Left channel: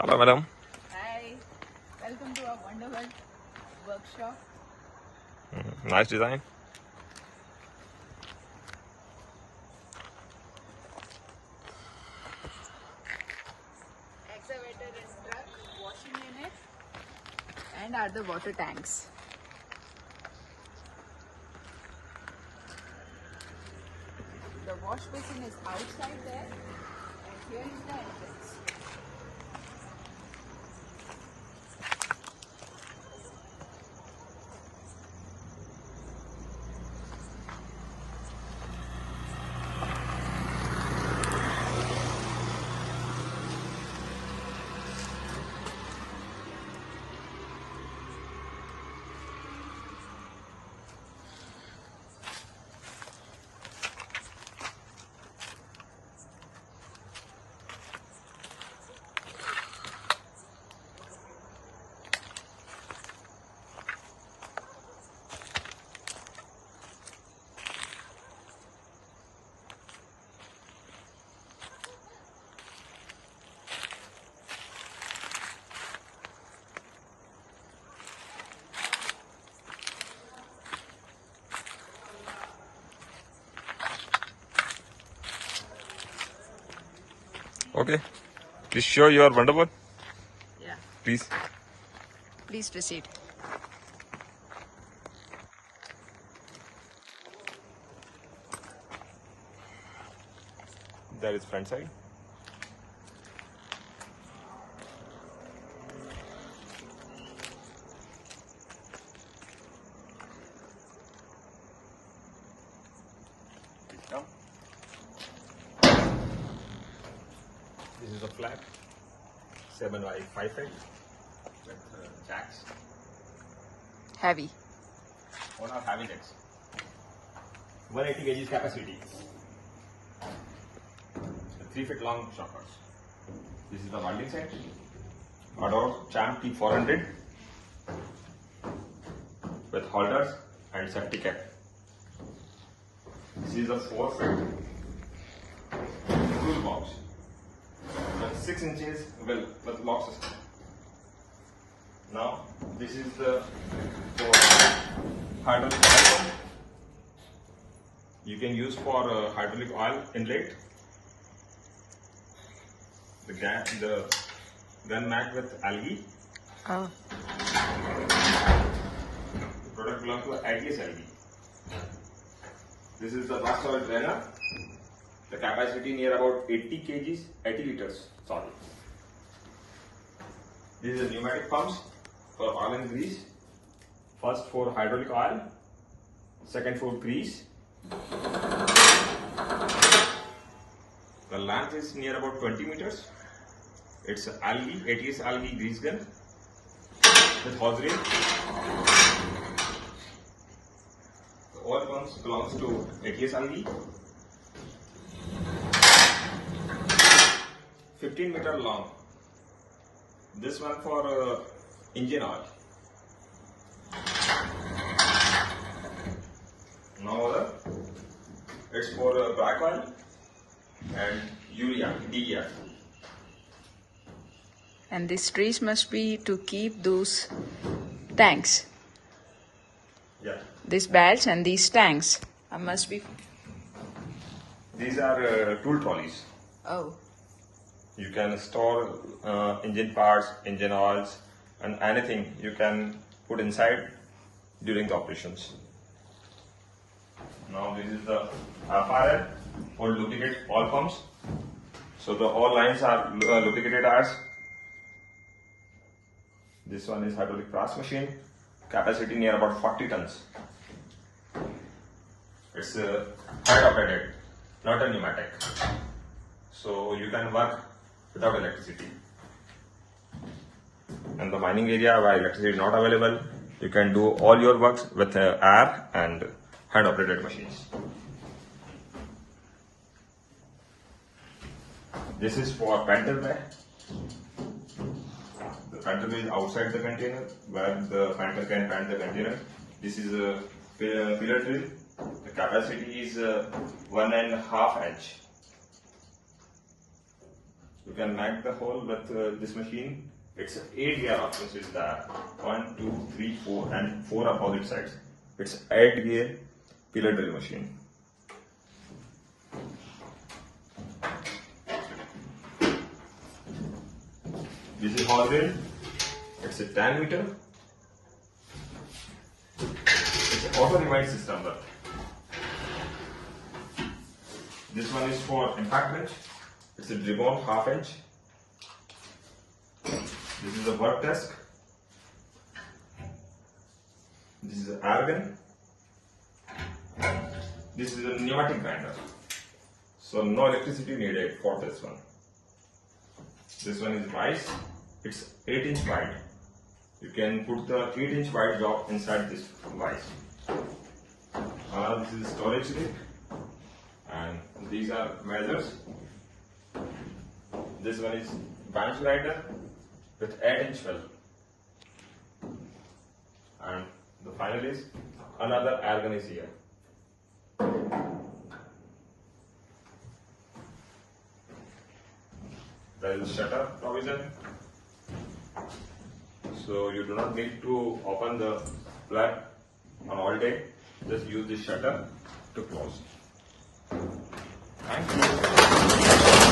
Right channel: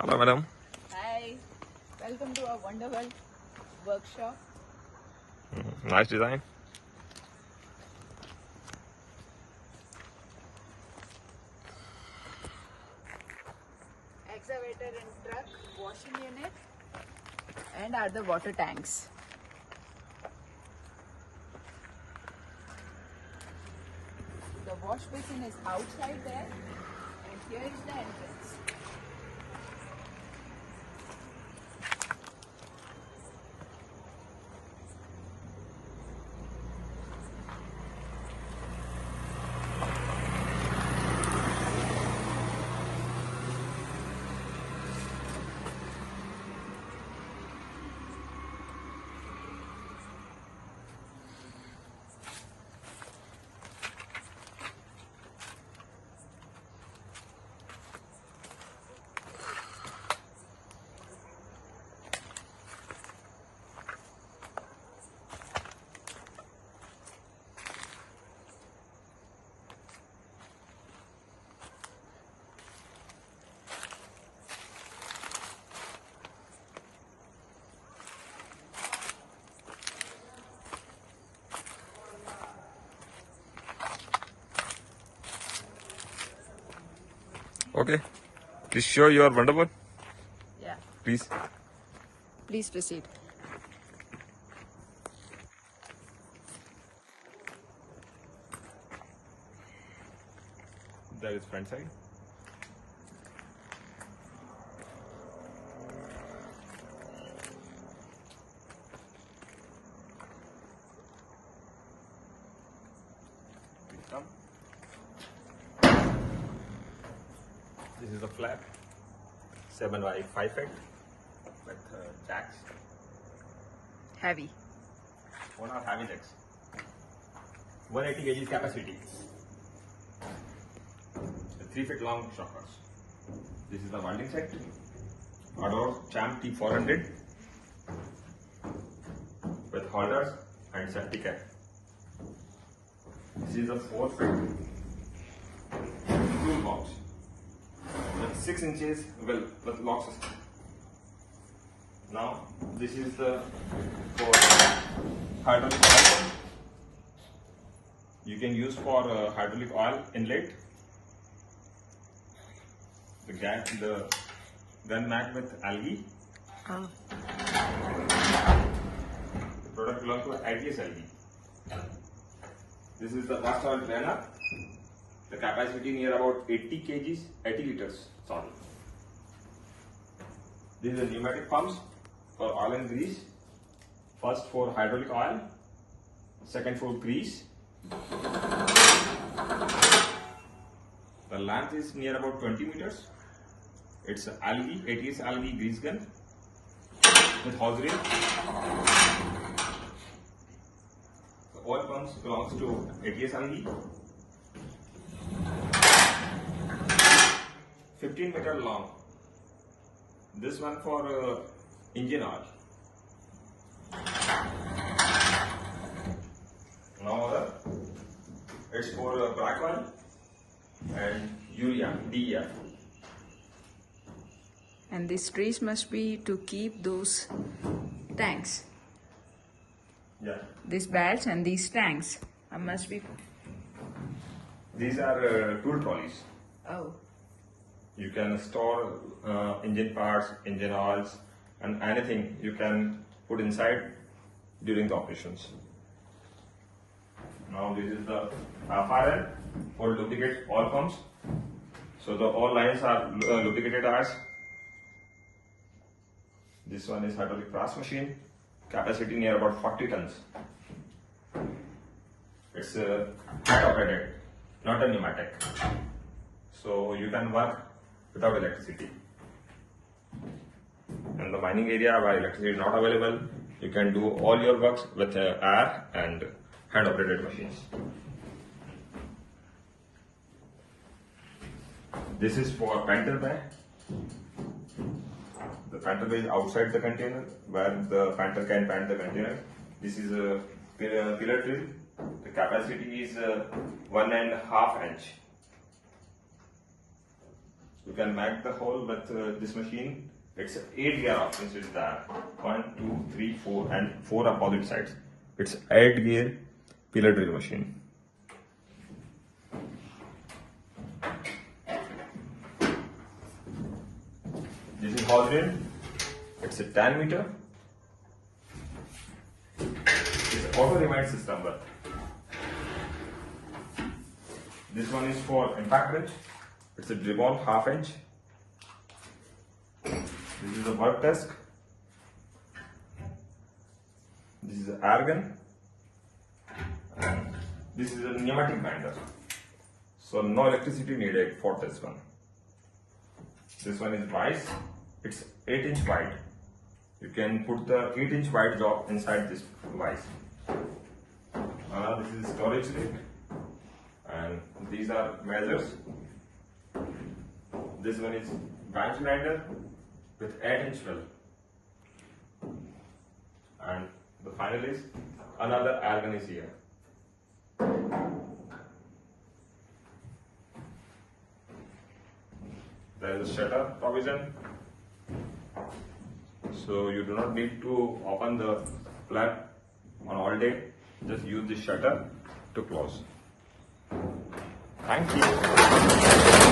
Hello, madam. Hi, welcome to our wonderful workshop. Nice design. Excavator and truck, washing unit, and other water tanks. The wash basin is outside there, and here is the entrance. Okay. Please show your wonderful. Yeah. Please. Please proceed. There is front side. This is a flat 7 by 5 feet with jacks. Heavy. What are heavy jacks? 180 kg capacity. 3 feet long shockers. This is the welding set. Ador Champ T400 with holders and safety cap. This is a 4 foot toolbox with 6 inches with lock system. Now this is the for hydraulic oil pump. You can use for hydraulic oil inlet. The gun mat with algae. Oh. The product belongs to ADS algae. This is the vast oil drainer. The capacity near about 80 kgs, 80 liters. Sorry. This is the pneumatic pumps for oil and grease. First for hydraulic oil, second for grease. The length is near about 20 meters. It's algae, ATS algae grease gun with hose reel. The oil pumps belongs to ATS algae. 15-meter long. This one for engine oil. Now it's for black oil and urea, DEF. And these trees must be to keep those tanks. Yeah. These belts and these tanks must be. These are tool trolleys. Oh. You can store engine parts, engine oils, and anything you can put inside during the operations. Now this is the FRL for lubricate oil pumps. So the all lines are lubricated as. This one is hydraulic press machine, capacity near about 40 tons. It's hand operated, not a pneumatic. So you can work without electricity. In the mining area where electricity is not available, you can do all your works with air and hand operated machines. This is for panther bay. The panther bay is outside the container where the panther can pant the container. This is a pillar drill. The capacity is 1.5 inch. You can make the hole with this machine. It's 8 gear options is there. 1, 2, 3, 4 and 4 opposite sides. It's 8 gear pillar drill machine. This is hose drill. It's a 10 meter. It's an auto rewind system. But this one is for impact wrench. It's a ribbon 1/2 inch. This is a work desk. This is an air gun. This is a pneumatic grinder. So no electricity needed for this one. This one is vise. It's 8 inch wide. You can put the 8 inch wide job inside this vise. This is storage kit. And these are measures. This one is bench grinder with 8 inch well. And the final is another air gun is here. There is a shutter provision. So you do not need to open the plug on all day. Just use the shutter to close. Thank you.